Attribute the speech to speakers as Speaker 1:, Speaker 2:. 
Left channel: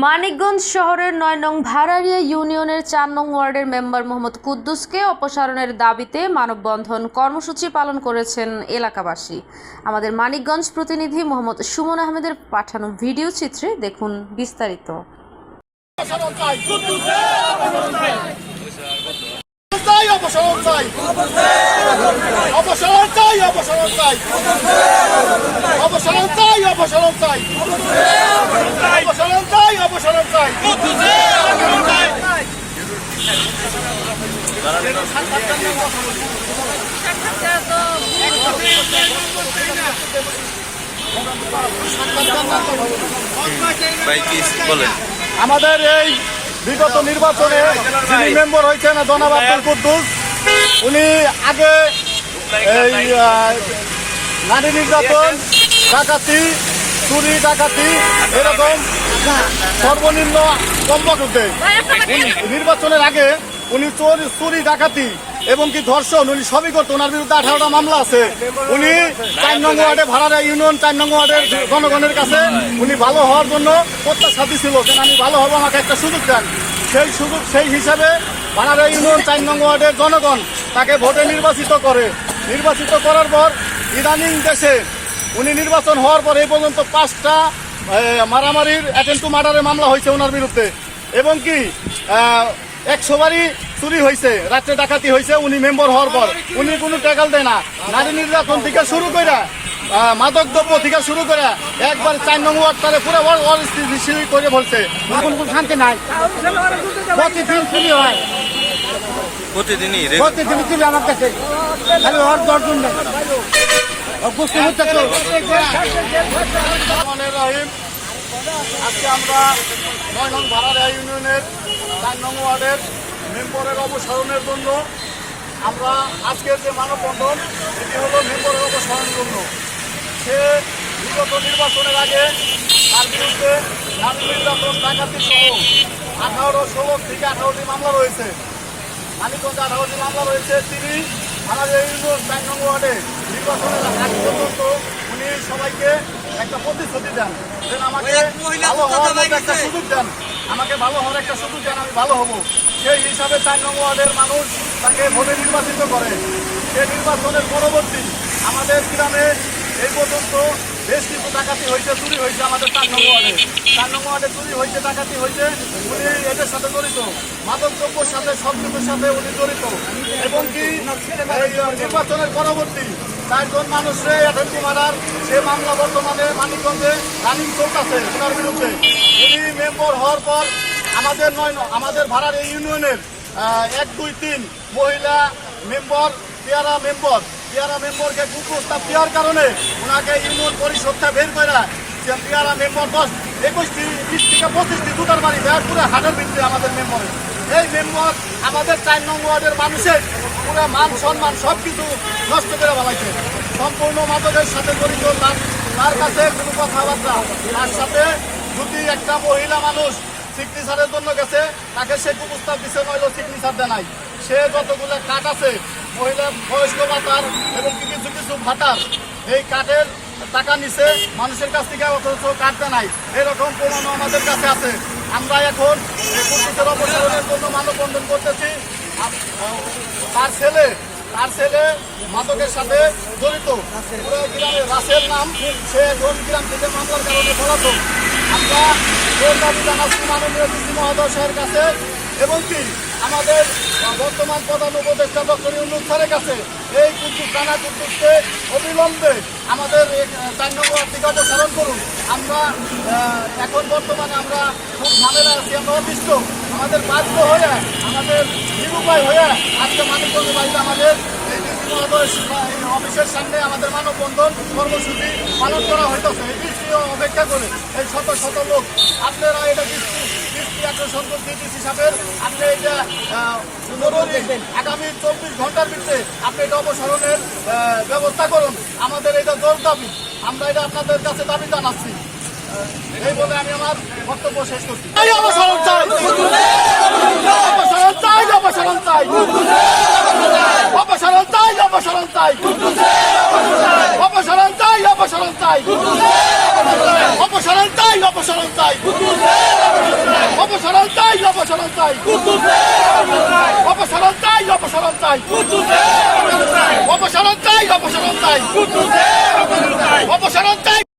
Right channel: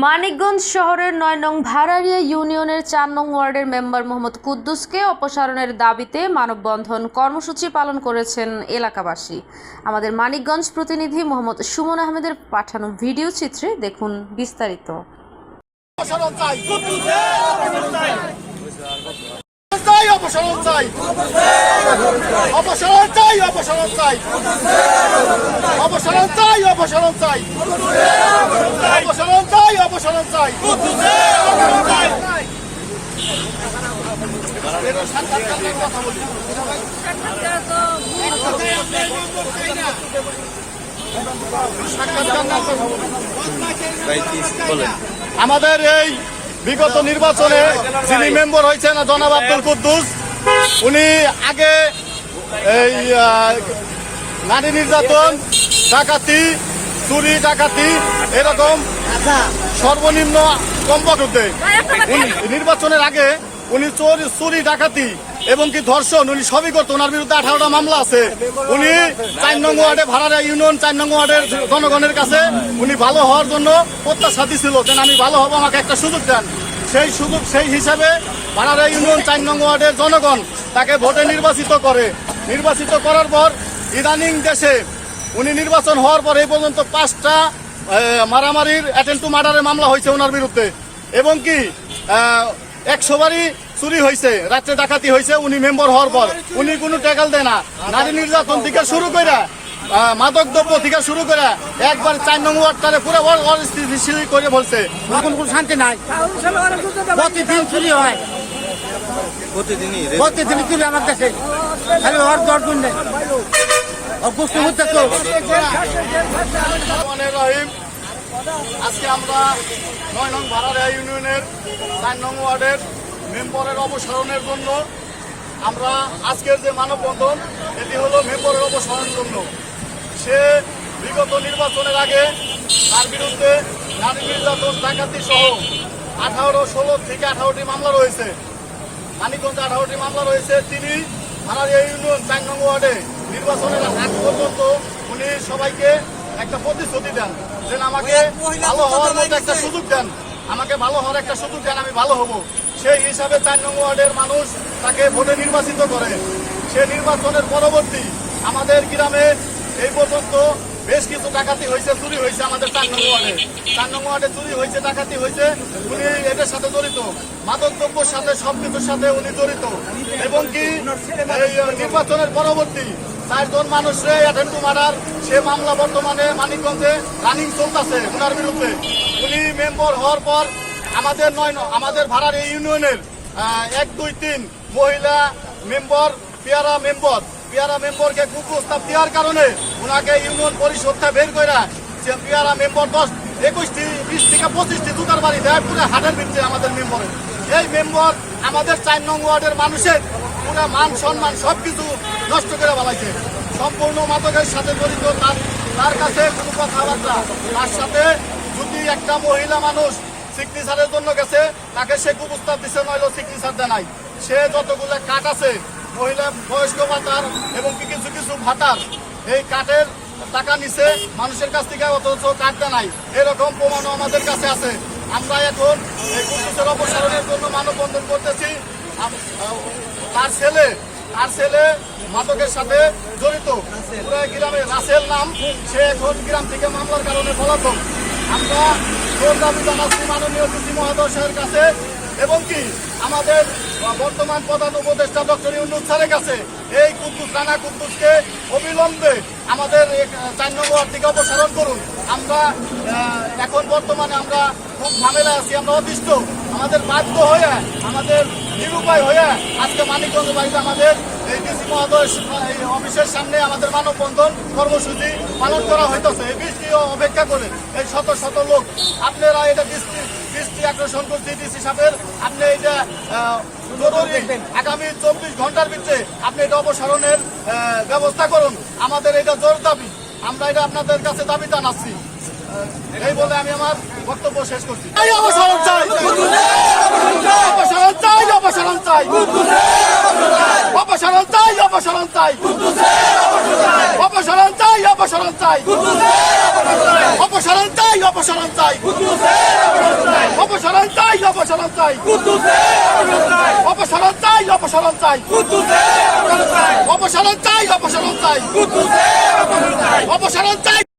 Speaker 1: মানিকগঞ্জ শহরের নয় নং ভাড়ারিয়া ইউনিয়নের চার নং ওয়ার্ডের মেম্বার মোহাম্মদ কুদ্দুসকে অপসারণের দাবিতে মানববন্ধন কর্মসূচি পালন করেছেন এলাকাবাসী। আমাদের মানিকগঞ্জ প্রতিনিধি মোহাম্মদ সুমন আহমেদের পাঠানো ভিডিও চিত্রে দেখুন বিস্তারিত।
Speaker 2: অপসারণ চাই অপসারণ চাই অপসারণ চাই। অপসারণ চাই অপসারণ চাই। আমাদের এই বিগত নির্বাচনে যিনি মেম্বার হয়েছেন, জনাব আব্দুল কুদ্দুস, উনি আগে এই নারী নির্যাতন, ডাকাতি, চুরি, ডাকাতি, এরকম সর্বনিম্ন কম উনি নির্বাচনের আগে উনি চোরি চুরি ডাকাতি এবং কি ধর্ষণ উনি সবই করতো ওনার বিরুদ্ধে আঠারোটা মামলা আছে। উনি চার নং ওয়ার্ডে ভাড়ারা ইউনিয়ন চার নং ওয়ার্ডের জনগণের কাছে উনি ভালো হওয়ার জন্য প্রত্যাশা দিছিল যেন আমি ভালো হব আমাকে একটা সুযোগ দেন। সেই সুযোগ সেই হিসাবে ভাড়ারা ইউনিয়ন চার নং ওয়ার্ডের জনগণ তাকে ভোটে নির্বাচিত করে। নির্বাচিত করার পর ইদানিং দেশে উনি নির্বাচন হওয়ার পর এই পর্যন্ত পাঁচটা মারামারির অ্যাটেন্ট টু মার্ডারের মামলা হয়েছে ওনার বিরুদ্ধে। এবং কি একশো বারই চুরি হয়েছে রাত্রে ডাকাতি হয়েছে উনি মেম্বার হওয়ার পর। উনি কোনো টাকাল দেয় না। নারী নির্যাতন থেকে শুরু করে মাদক দ্রব্য থেকে শুরু করে একবার চার নং ওয়ার্ড পুরো অস্থিতিশীল করে বলছে
Speaker 3: এখন কোনো শান্তি নাই। প্রতিদিন চুরি হয়।
Speaker 4: প্রতিদিনই
Speaker 3: প্রতিদিন চুরি আমার কাছে। খালি ওর দর্জন নেই। হচ্ছে তো
Speaker 2: রহমানের রহিম আজকে আমরা নয় নং ভাড়ারিয়া ইউনিয়নের চার নং ওয়ার্ডের মেম্বরের অবসারণের জন্য আমরা আজকের যে মানববন্ধন, এটি হলো মেম্বরের অবসারণের জন্য। সে বিগত নির্বাচনের আগে তার বিরুদ্ধে নারী নির্যাতন, ডাকাতি সহ আঠারো, ষোলো থেকে আঠারোটি মামলা রয়েছে। মানিকগঞ্জ আঠারোটি মামলা রয়েছে। তিনি ভাড়ারিয়া ইউনিয়ন চার নং ওয়ার্ডে নির্বাচনের আগ পর্যন্ত উনি সবাইকে একটা প্রতিশ্রুতি দেন। দেন আমাকে ভালো হওয়ার একটা সুযোগ দেন। আমাকে ভালো হওয়ার একটা সুযোগ দেন আমি ভালো হব। সেই হিসাবে চার নং ওয়ার্ডের মানুষ তাকে ভোটে নির্বাচিত করে। সেই নির্বাচনের পরবর্তী আমাদের গ্রামে এই পর্যন্ত বেশ কিছু ডাকাতি হয়েছে চুরি হয়েছে আমাদের চার নং ওয়ার্ডে। চার নং ওয়ার্ডে চুরি হয়েছে ডাকাতি হয়েছে উনি এদের সাথে জড়িত। মাদক দ্রব্যের সাথে সব কিছুর সাথে উনি জড়িত। এবং কি নির্বাচনের পরবর্তী চারজন মানুষরে অ্যাটেন্ডু মারার সে মামলা বর্তমানে মানিকগঞ্জে রানিং চলতেছে, ওনার বিরুদ্ধে। উনি মেম্বার হওয়ার পর আমাদের নয় আমাদের ভাড়ার এই ইউনিয়নের এক, দুই, তিন মহিলা মেম্বার, পেয়ারা মেম্বার। পেয়ারা মেম্বারকে কুপ্রস্তাব দেওয়ার কারণে ওনাকে ইউনিয়ন পরিষদটা বের করে পেয়ারা মেম্বার দশ, একুশটি, বিশ থেকে পঁচিশটি জুতার বাড়ি দেয় পুরো হাটের ভিতরে আমাদের মেম্বারের এই মেম্বার আমাদের চার নং ওয়ার্ডের মানুষের পুরো মান সম্মান সব কিছু নষ্ট করে বলাইছে সম্পূর্ণ মাদকের সাথে জড়িত তার তার কাছে কোনো কথাবার্তা তার সাথে যদি একটা মহিলা মানুষ সিগনেচারের জন্য গেছে, তাকে সে কুপ্রস্তাব দিছে, নইলো সিগনেচার দেয় নাই সে যতগুলো কাঠ আছে, মহিলা বয়স্ক ভাতার এবং কিছু কিছু ভাতার, এই কাঠের টাকা নিছে, মানুষের কাছ থেকে অথচ কাটতে নাই এরকম প্রমাণ আমাদের কাছে আছে। আমরা এখন কুর্তিকের অপসারণের জন্য মানববন্ধন করতেছি। তার ছেলে তার ছেলে মাদকের সাথে জড়িত। পুরো গ্রামে রাসেল নাম, সে এখন গ্রাম থেকে মামলার কারণে পলাতক। আমরা জোর দাবি জানাচ্ছি মাননীয় কৃষি মহাদশের কাছে? এবং কি আমাদের বর্তমান প্রধান উপদেষ্টা ডক্টর ইউনুস স্যারের কাছে এই কুদ্দুস রানা কুদ্দুসকে অবিলম্বে আমাদের চার নম্বর থেকে অপসারণ করুন। আমরা এখন বর্তমানে আমরা খুব ঝামেলা আছি, আমরা অতিষ্ঠ। আমাদের বাধ্য হয়ে আমাদের নিরুপায় হয়ে আজকে মানিকগঞ্জ বাড়িতে আমাদের অফিসের সামনে আমাদের মানববন্ধন কর্মসূচি পালন করা হইতেছে। এই বৃষ্টি অপেক্ষা করে এই শত শত লোক আপনারা এটা বৃষ্টি বৃষ্টি আকর্ষণ করছে ডিসি সাহেবের আপনি এটা জরুরি আগামী চব্বিশ ঘণ্টার ভিতরে আপনি এটা অপসারণের ব্যবস্থা করুন। আমাদের এটা জোর দাবি। আমরা এটা আপনাদের কাছে দাবি জানাচ্ছি। এই বলে আমি আমার বক্তব্য শেষ করছি। অপসারণ চাই। অপসারণ চাই অপসারণ চাই। অপসারণ চাই অপসারণ চাই। অপসারণ চাই অপসারণ চাই। অপসারণ চাই অপসারণ চাই। অপসারণ চাই অপসারণ চাই। অপসারণ চাই অপসারণ চাই। অপসারণ চাই অপসারণ চাই। অপসারণ চাই।